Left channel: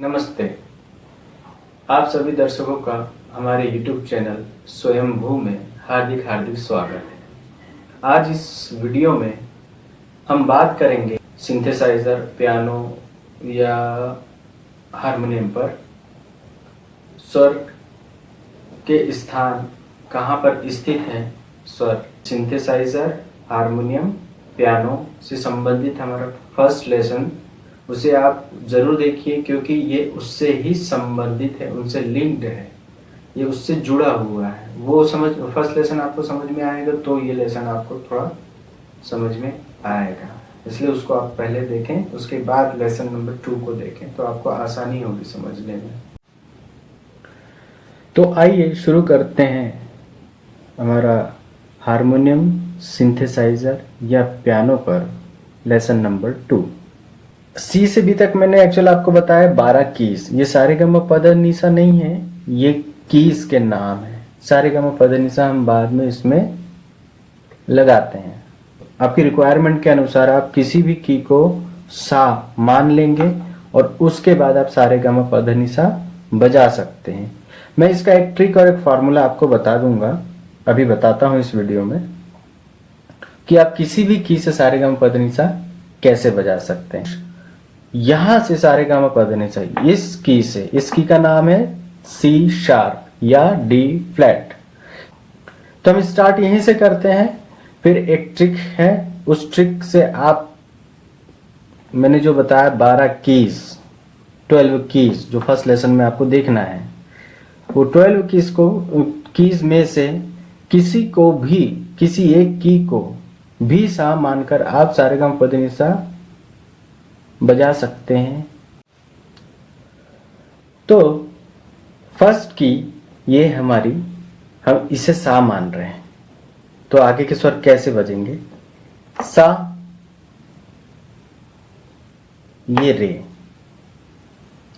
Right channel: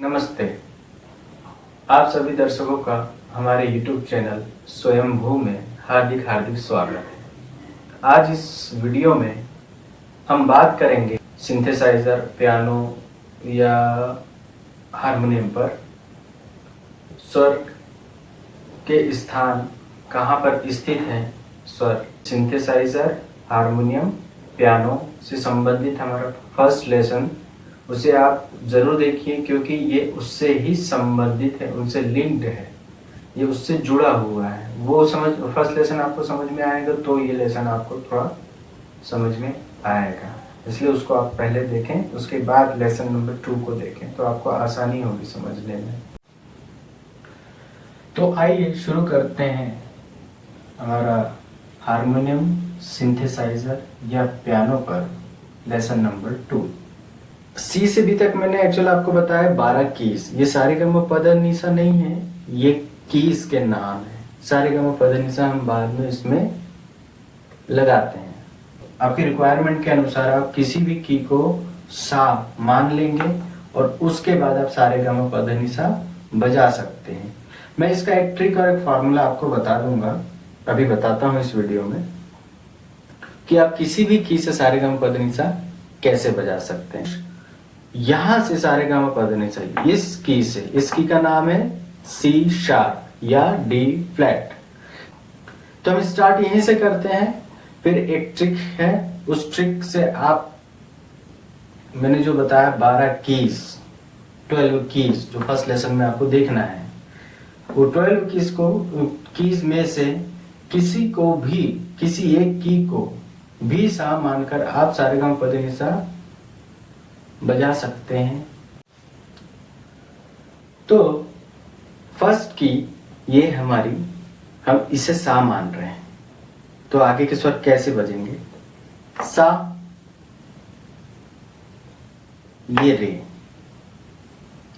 नमस्ते। आप सभी दर्शकों का हमारे YouTube चैनल स्वयंभू में हार्दिक हार्दिक स्वागत है। आज इस वीडियो में हम बात करेंगे सिंथेसाइजर, पियानो या हारमोनियम पर स्वर के स्थान कहाँ पर स्थित है। स्वर सिंथेसाइजर, हारमोनियम, पियानो से संबंधित हमारा फर्स्ट लेसन, उसे आप जरूर देखिए क्योंकि ये उससे ही संबंधित है, उनसे लिंक्ड है, ये उससे जुड़ा हुआ है। वो फर्स्ट लेसन आपको समझ में आएगा तो ये लेसन आपको थोड़ा समझ में आएगा, इसलिए उसको आप पहले देखें, उसके बाद लेसन नंबर 2 को देखें तो आपको आसानी होगी समझने में। तो आइए शुरू करते हैं हमारा हारमोनियम, सिंथेसाइजर या पियानो पर लेसन नंबर 2। सी से बी तक मैंने एक्चुअल आपको बताया 12 कीज। ये सारे गम पद निशा नहीं है, ये कीज के नाम है। सारे गम पद निशा हम बाद में इसमें लगाते हैं। आपकी रिक्वायरमेंट के अनुसार आप किसी भी की को सा मान लेंगे और उसके बाद आप सारे गम पद निशा बजा सकते हैं। मैं इसका एक ट्रिक और एक फॉर्मूला आपको बता दूंगा, अभी बताता हूं इस वीडियो में, कि आप किसी भी की से सारे गम पद निशा कैसे बजा सकते हैं। यहां से सारे गामा पद निशा इस की से, इस की का नाम है सी शार्प या डी फ्लैट। तो हम स्टार्ट यहीं से करते हैं। फिर एक ट्रिक है, उस ट्रिक से आप, मैंने जो बताया 12 कीज, 12 कीज जो फर्स्ट लेसन में आपको देखना है, वो 12 कीज में से किसी को भी, किसी एक की को भी सा मानकर आप सारे गामा पद निशा बजा सकते हैं। तो फर्स्ट की ये हमारी, हम इसे सा मान रहे हैं, तो आगे के स्वर कैसे बजेंगे। सा, ये रे।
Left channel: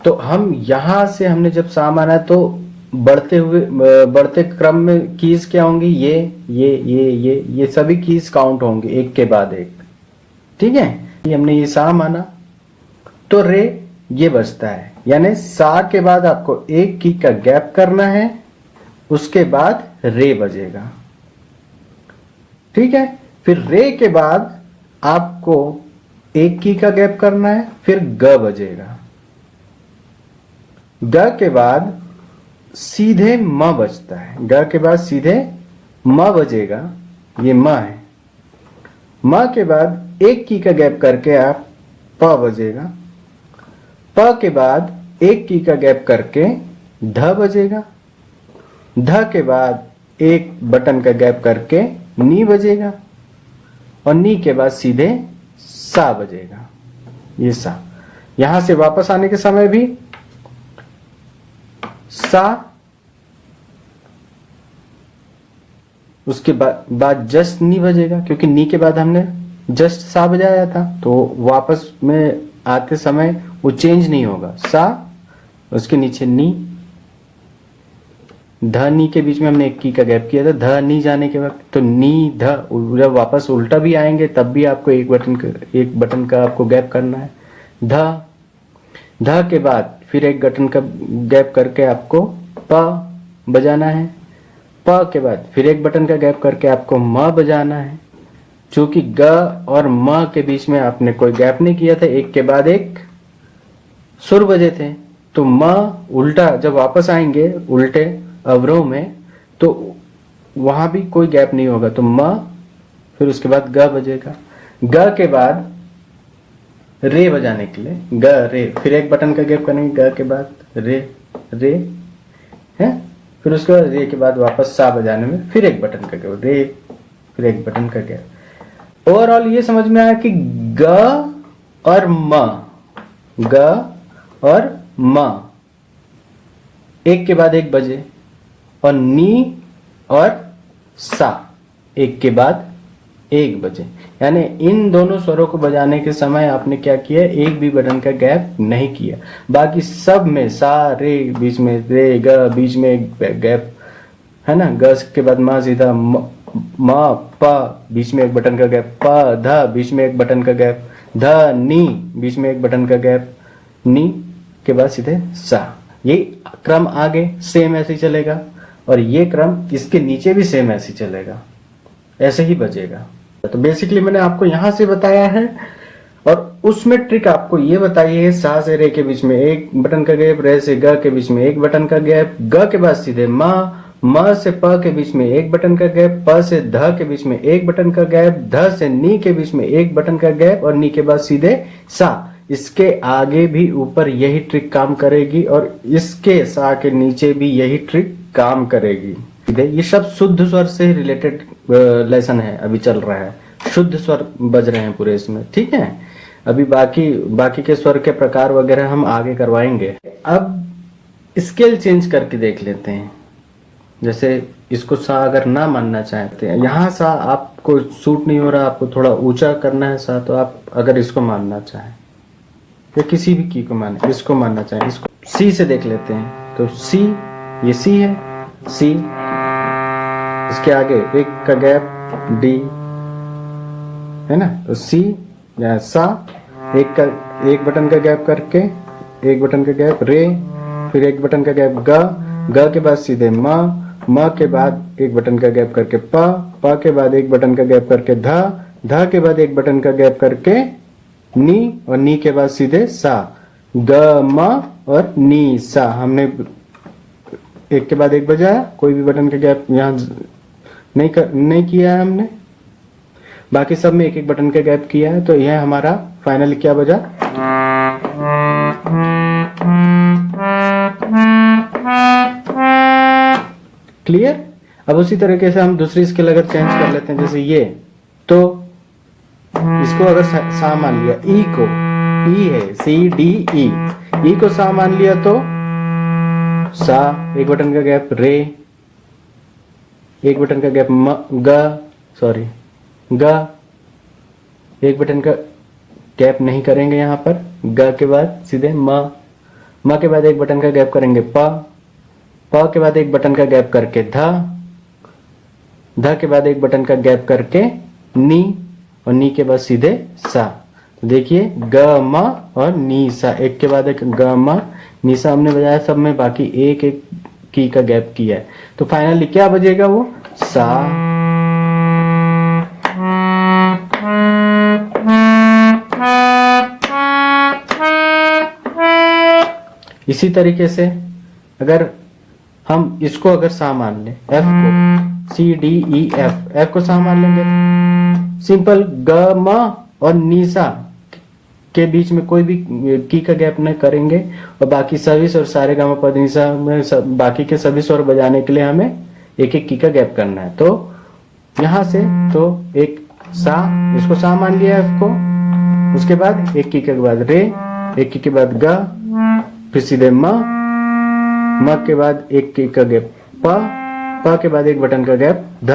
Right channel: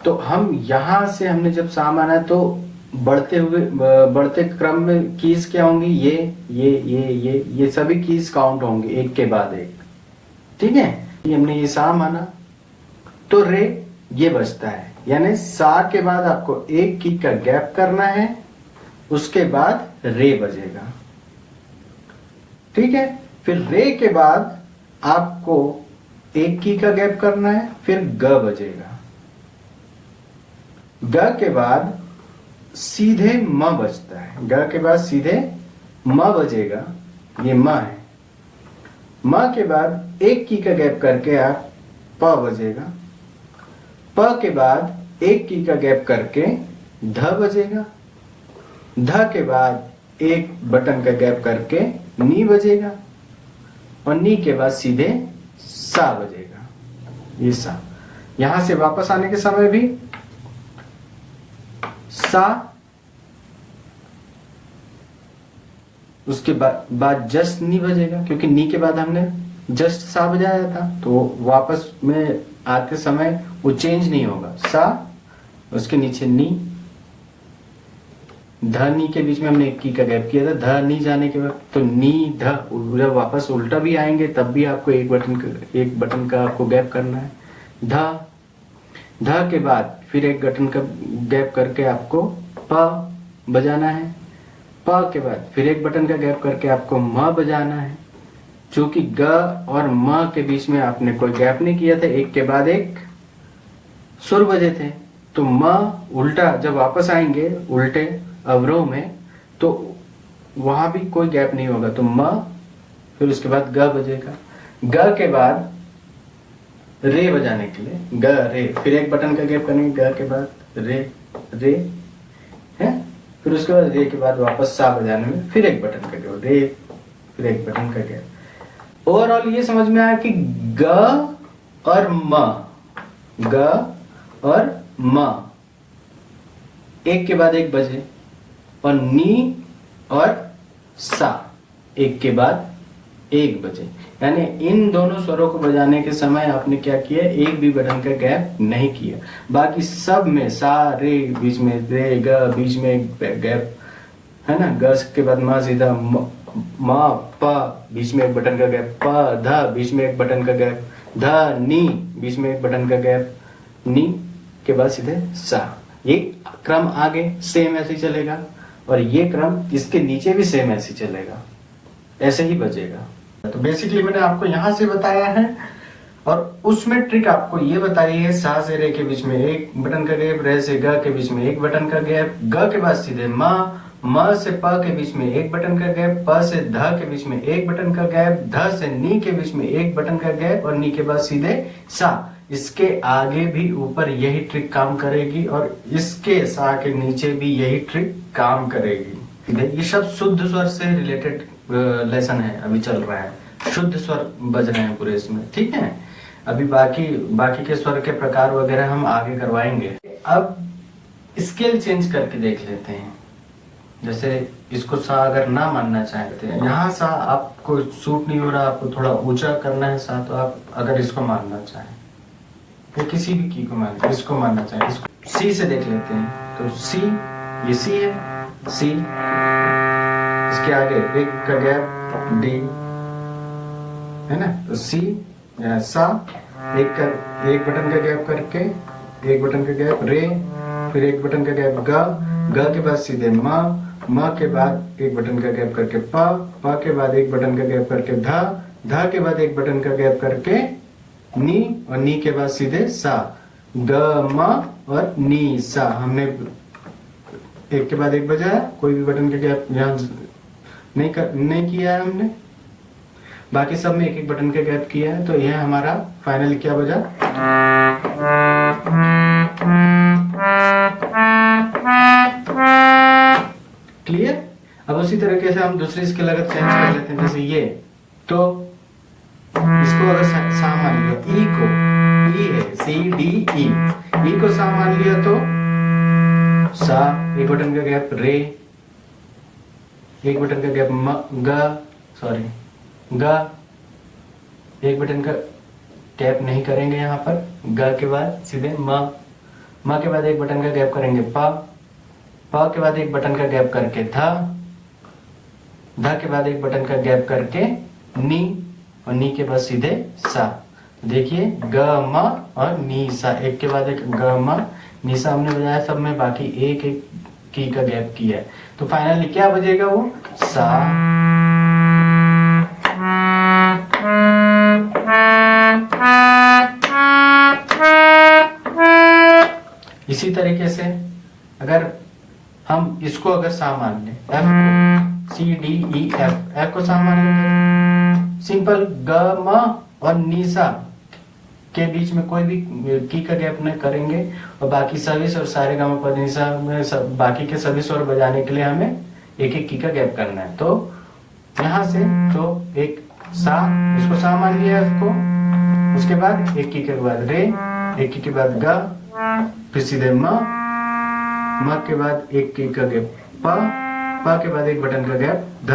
तो हम यहां से, हमने जब सा माना है तो बढ़ते क्रम में कीज क्या होंगी, ये सभी कीज काउंट होंगे एक के बाद एक। ठीक है, हमने ये सा माना तो रे ये बजता है, यानी सा के बाद आपको एक की का गैप करना है, उसके बाद रे बजेगा। ठीक है, फिर रे के बाद आपको एक की का गैप करना है, फिर ग बजेगा। ग के बाद सीधे म बजता है, ग के बाद सीधे म बजेगा, ये म है। म के बाद एक की का गैप करके आप प बजेगा। प के बाद एक की का गैप करके ध बजेगा। ध के बाद एक बटन का गैप करके नी बजेगा और नी के बाद सीधे सा बजेगा, ये सा। यहां से वापस आने के समय भी सा, उसके बाद जस्ट नी बजेगा, क्योंकि नी के बाद हमने जस्ट सा बजाया था, तो वापस में आते समय वो चेंज नहीं होगा। सा, उसके नीचे नी, ध नी के बीच में हमने एक की का गैप किया था, ध नी जाने के बाद तो नी ध, जब वापस उल्टा भी आएंगे तब भी आपको एक बटन का आपको गैप करना है। ध के बाद फिर एक बटन का गैप करके आपको प बजाना है। प के बाद फिर एक बटन का गैप करके आपको म बजाना है। चूंकि ग और म के बीच में आपने कोई गैप नहीं किया था, एक के बाद एक सुर बजे थे, तो म उल्टा जब वापस आएंगे उल्टे अवरोह में तो वहां भी कोई गैप नहीं होगा, तो म, फिर उसके बाद ग बजेगा। ग के बाद रे बजाने के लिए ग रे, फिर एक बटन का गैप करेंगे, ग के बाद रे रे है, फिर उसके बाद रे के बाद वापस सा बजाने में फिर एक बटन का गैप, रे फिर एक बटन का गैप। ओवरऑल ये समझ में आया कि ग और म, ग और म एक के बाद एक बजे, और नी और सा एक के बाद एक बजे। यानी इन दोनों स्वरों को बजाने के समय आपने क्या किया, एक भी बटन का गैप नहीं किया। बाकी सब में सा रे बीच में रे, ग बीच में एक गैप है ना, ग के बाद मा सीधा म प बीच में एक बटन का गैप, प ध बीच में एक बटन का गैप, ध नी बीच में एक बटन का गैप, नी के बाद सीधे सा। ये क्रम आगे सेम ऐसे ही चलेगा और ये क्रम इसके नीचे भी सेम ऐसे ही चलेगा, ऐसे ही बजेगा। तो बेसिकली मैंने आपको यहां से बताया है और उसमें ट्रिक आपको ये बताई है, सा से रे के बीच में एक बटन का गैप, रे से ग के बीच में एक बटन का गैप, ग के बाद सीधे म से प के बीच में एक बटन का गैप, प से ध के बीच में एक बटन का गैप, ध से नी के बीच में एक बटन का गैप और नी के बाद सीधे सा। इसके आगे भी ऊपर यही ट्रिक काम करेगी और इसके सा के नीचे भी यही ट्रिक काम करेगी। ये सब शुद्ध स्वर से रिलेटेड लेसन है, अभी चल रहा है, शुद्ध स्वर बज रहे हैं पूरे इसमें, ठीक है। अभी बाकी के स्वर के प्रकार वगैरह हम आगे करवाएंगे। अब स्केल चेंज करके देख लेते हैं। जैसे इसको सा अगर ना मानना चाहते हैं, यहाँ सा आपको सूट नहीं हो रहा, आपको थोड़ा ऊंचा करना है सा, तो आप अगर इसको मानना चाहें या किसी भी की को माने, इसको मानना चाहें, इसको सी से देख लेते हैं। तो सी, ये सी है, सी, इसके आगे एक का गैप डी है ना, तो सी या सा, एक बटन का गैप करके एक बटन का गैप रे, फिर एक बटन का गैप ग के बाद सीधे म के बाद एक बटन का गैप करके प के बाद एक बटन का गैप करके ध के बाद एक बटन का गैप करके नी और नी के बाद सीधे सा, ग म और नी सा। हमने एक के बाद एक बजाया, कोई भी बटन का गैप यहाँ नहीं किया है हमने, बाकी सब में एक एक बटन का गैप किया है। तो यह हमारा फाइनली क्या बजा, क्लियर। अब उसी तरीके से हम दूसरी स्केल अगर चेंज कर लेते हैं, जैसे ये, तो इसको अगर सा मान लिया, ई को, ई है सी डी ई को सा मान लिया तो सा, एक बटन का गैप रे, एक बटन का गैप ग, एक बटन का गैप नहीं करेंगे यहाँ पर, ग के बाद सीधे म के बाद एक बटन का गैप करेंगे प के बाद एक बटन का गैप करके ध के बाद एक बटन का गैप करके नी और नी के बाद सीधे सा। देखिए ग म और नी सा, एक के बाद एक ग म नी सा हमने बजाया, सब में बाकी एक एक की का गैप किया है। तो फाइनली क्या बजेगा, वो सा, इसी तरीके से अगर हम इसको अगर सा मान लें, एफ को, सी डी ई एफ को सा मान लेंगे, सिंपल ग म और नी सा के बीच में कोई भी की का गैप नहीं करेंगे और बाकी सभी स्वर सारे गामा पद नी सा में बाकी के सभी स्वर बजाने के लिए हमें एक एक की का गैप करना है। तो यहां से तो एक सा, इसको सा मान लिया एफ को, उसके बाद एक की के बाद रे, एक की के बाद ग, फिर सीधे म के बाद एक की का गैप प के बाद एक बटन का गैप ध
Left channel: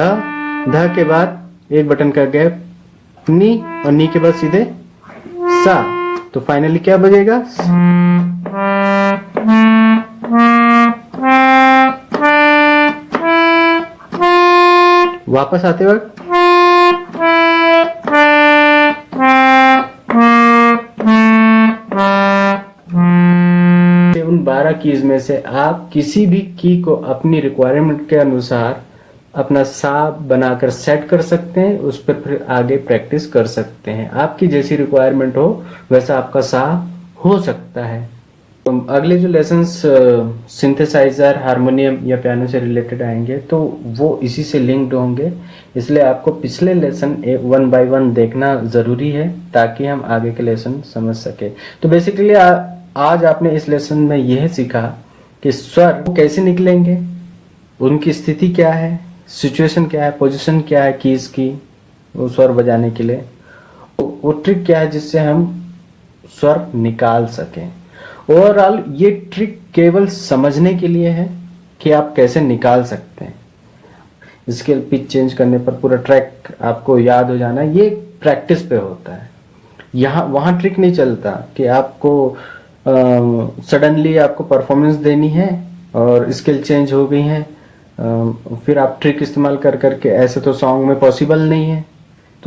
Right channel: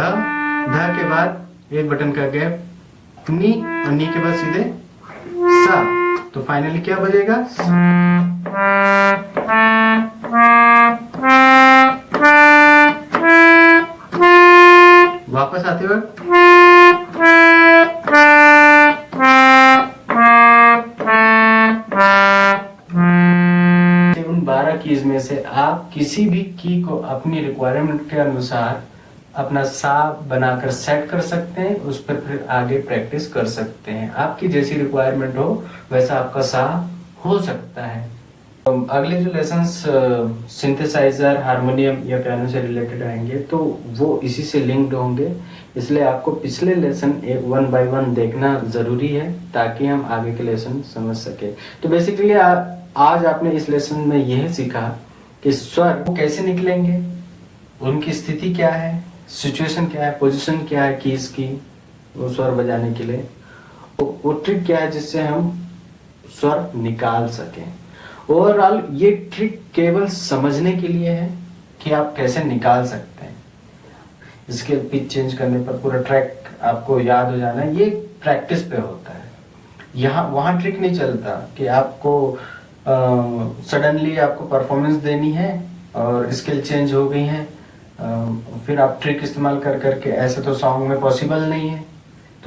के बाद एक बटन का गैप नी और नी के बाद सीधे सा। तो फाइनली क्या बजेगा, वापस आते वक्त उन 12 कीज में से आप किसी भी की को अपनी रिक्वायरमेंट के अनुसार अपना सा बनाकर सेट कर सकते हैं, उस पर फिर आगे प्रैक्टिस कर सकते हैं। आपकी जैसी रिक्वायरमेंट हो वैसा आपका सा हो सकता है। अगले जो लेसन्स सिंथेसाइजर, हारमोनियम या पियानो से रिलेटेड आएंगे तो वो इसी से लिंक्ड होंगे, इसलिए आपको पिछले लेसन 1 बाय 1 देखना जरूरी है ताकि हम आगे के लेसन समझ सके। तो बेसिकली आज आपने इस लेसन में यह सीखा कि स्वर कैसे निकलेंगे, उनकी स्थिति क्या है, सिचुएशन क्या है, पोजीशन क्या है कीज की वो स्वर बजाने के लिए, वो ट्रिक क्या है जिससे हम स्वर निकाल सकें। ओवरऑल ये ट्रिक केवल समझने के लिए है कि आप कैसे निकाल सकते हैं। स्केल पिच चेंज करने पर पूरा ट्रैक आपको याद हो जाना, ये प्रैक्टिस पे होता है। वहां ट्रिक नहीं चलता कि आपको सडनली आपको परफॉर्मेंस देनी है और स्केल चेंज हो गई है, फिर आप ट्रिक इस्तेमाल कर करके, ऐसे तो सॉन्ग में पॉसिबल नहीं है।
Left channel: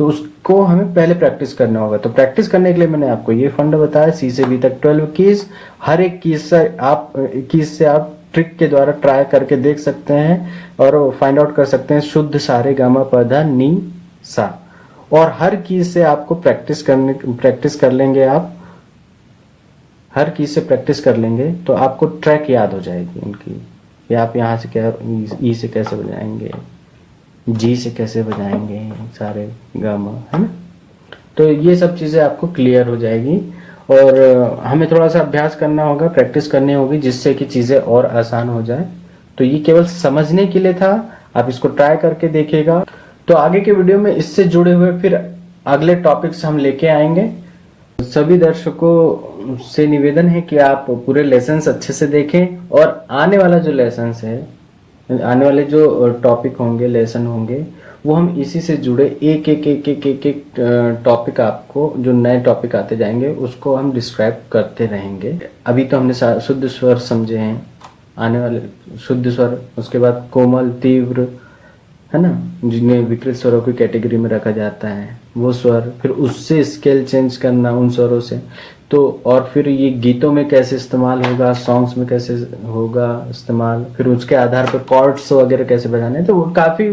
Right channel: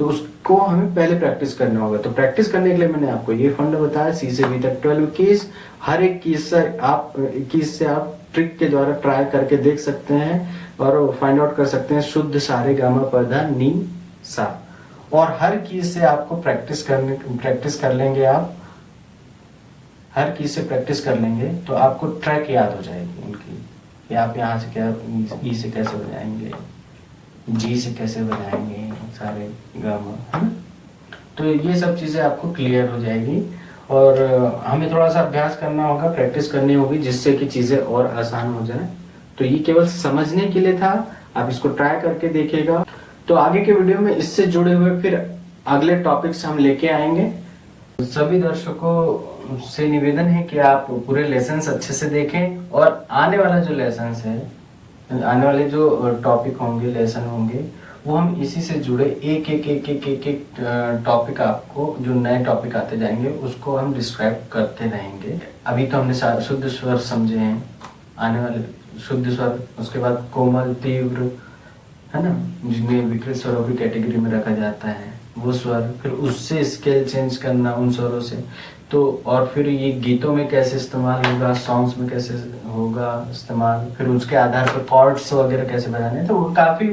तो उसको हमें पहले प्रैक्टिस करना होगा। तो प्रैक्टिस करने के लिए मैंने आपको ये फंड बताया, सी से बी तक 12 कीज। हर एक कीज से आप ट्रिक के द्वारा ट्राई करके देख सकते हैं और फाइंड आउट कर सकते हैं शुद्ध सारे गामा पधा नी सा। और हर कीज से आपको प्रैक्टिस कर लेंगे आप, हर कीज से प्रैक्टिस कर लेंगे तो आपको ट्रैक याद हो जाएगी उनकी। कि आप यहाँ से क्या ई से कैसे बजाएंगे, जी से कैसे बजाएंगे सारे गामा, है ना। तो ये सब चीजें आपको क्लियर हो जाएगी और हमें थोड़ा सा अभ्यास करना होगा, प्रैक्टिस करनी होगी, जिससे कि चीजें और आसान हो जाए। तो ये केवल समझने के लिए था, आप इसको ट्राई करके देखिएगा। तो आगे के वीडियो में इससे जुड़े हुए फिर अगले टॉपिक्स हम लेके आएंगे। सभी दर्शकों से निवेदन है कि आप पूरे लेसन्स अच्छे से देखें और आने वाला जो लेसन्स है, आने वाले जो टॉपिक होंगे, लेसन होंगे, वो हम इसी से जुड़े एक टॉपिक, आपको जो नए टॉपिक आते जाएंगे उसको हम डिस्क्राइब करते रहेंगे। अभी तो हमने शुद्ध स्वर समझे हैं, आने वाले शुद्ध स्वर, उसके बाद कोमल, तीव्र, है ना, जिन्हें विकृत स्वरों की कैटेगरी में रखा जाता है, वो स्वर, फिर उससे स्केल चेंज करना उन स्वरों से। तो और फिर ये गीतों में कैसे इस्तेमाल होगा, सॉन्ग्स में कैसे होगा इस्तेमाल, फिर उसके आधार पर कॉर्ड्स वगैरह कैसे बजाने। तो वो काफी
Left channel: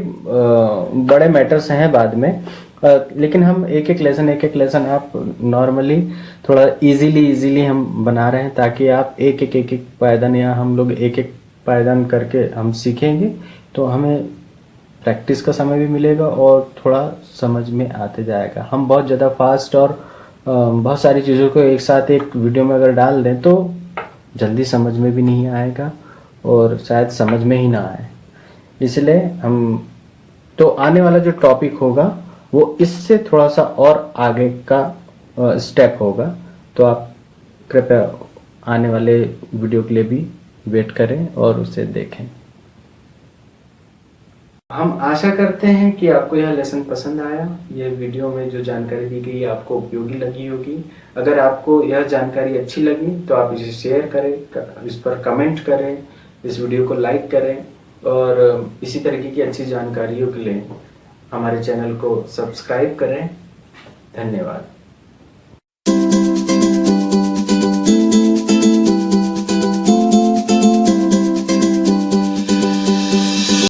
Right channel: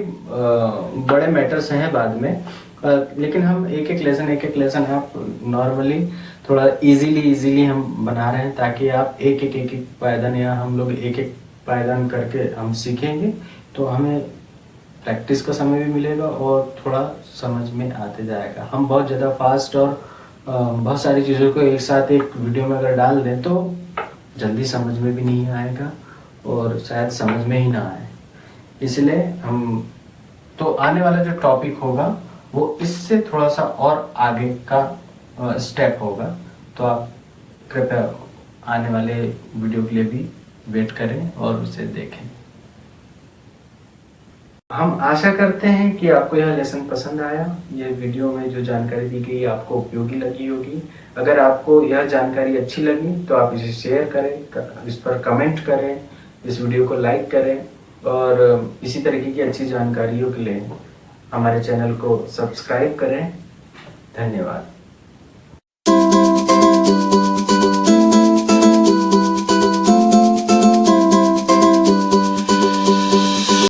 बड़े मैटर्स हैं बाद में, लेकिन हम एक एक लेसन आप नॉर्मली थोड़ा इजीली हम बना रहे हैं, ताकि आप एक एक पायदान, या हम लोग एक एक पायदान करके हम सीखेंगे तो हमें प्रैक्टिस का समय भी मिलेगा और थोड़ा समझ में आते जाएगा। हम बहुत ज़्यादा फास्ट और बहुत सारी चीज़ों को एक साथ एक वीडियो में अगर डाल दें तो जल्दी समझ में भी नहीं आएगा और शायद समझ में ही ना आए। इसलिए हम तो आने वाला जो टॉपिक होगा वो इससे थोड़ा सा और आगे का स्टेप होगा। तो आप कृपया आने वाले वीडियो के लिए भी वेट करें और उसे देखें। हम आशा करते हैं कि आपको यह लेसन पसंद आया। यह वीडियो में जो जानकारी दी गई आपको उपयोगी लगी होगी। अगर आपको यह जानकारी अच्छी लगी तो आप इसे शेयर करें, इस पर कमेंट करें, इस वीडियो को लाइक करें और इसी तरीके की अच्छी जानकारियों के लिए हमारे चैनल को सब्सक्राइब करें। धन्यवाद।